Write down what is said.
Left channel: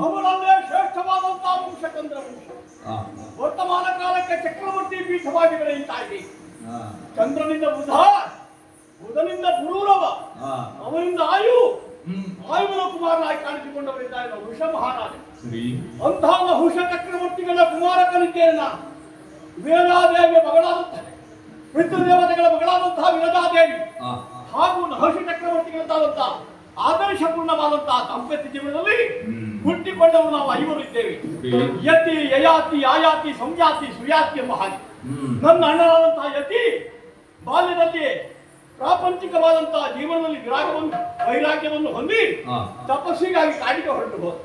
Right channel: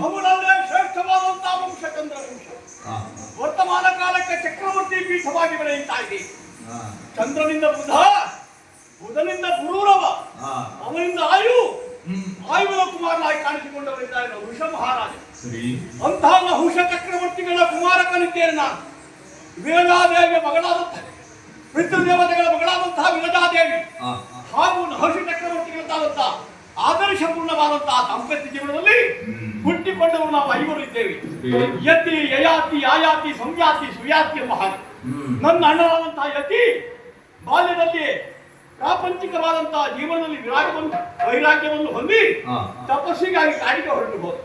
ಅವುಗಳಲ್ಲೇ ಶ್ರೇಷ್ಠವಾದಂತಹ ವಂಶ ಚಂದ್ರ ವಂಶ. ವರ್ತಮಾನ ಕಾಲಕ್ಕೆ ಚಕ್ರವರ್ತಿ ಪೀಠವಾಗಿ ಬೆಳೆಯುತ್ತಾ ಇದೆ. ಚಂದ್ರನಿಂದ ಬುಧ, ಬುಧನಿಂದ ಗುರುರವ, ಅವನಿಂದ ಆಯು, ಆಯುವಿನ ಕುಮಾರನಾಗಿ ಕಾಣಿಸಿಕೊಂಡವರಿದ್ದಾರೆ ವೃಷ ಮಹಾರಾಜ. ಅಂತಹ ನಹುಷ ಚಕ್ರವರ್ತಿಗಳ ಕುಮಾರಕನಿದ್ದೇನೆ ನಾನು. ವಿರಜಾದೇವಿಯ ಮಗಳಾದಂತಹ ಪಿತೃದೇವತೆಗಳ ಮಗಳಾದಂತಹ ವಿರಜಾದೇವಿ ಹಾಗೂ ನಹುಷ ಚಕ್ರವರ್ತಿಗಳಂತಾದಂತಹ ಆದರ್ಶಪೂರ್ಣವಾದಂತಹ ದಾಂಪತ್ಯ ಜೀವನದಲ್ಲಿ ಹುಟ್ಟಿಕೊಂಡವರು ನಾವು ಐವರಿದ್ದೇವೆ. ಯತಿ, ಯಯಾತಿ, ಆಯಾತಿ, ಸಂಯಾತಿ, ಸುಯಾತಿ ಎಂಬ ಹಾಗೆ. ನನ್ನ ಅಣ್ಣನಾದಂತಹ ಯತಿ ಬಾಲ್ಯದಲ್ಲಿ ಪ್ರಾಪಂಚಿಕವಾದಂತಹ ಜೀವನದಲ್ಲಿ ವೈರಾಗ್ಯವನ್ನು ಹೊಂದಿ ತಪಸ್ಸಿಗಾಗಿ ಕಾಡಿಗೆ ಹೊರಟು ಹೋದ.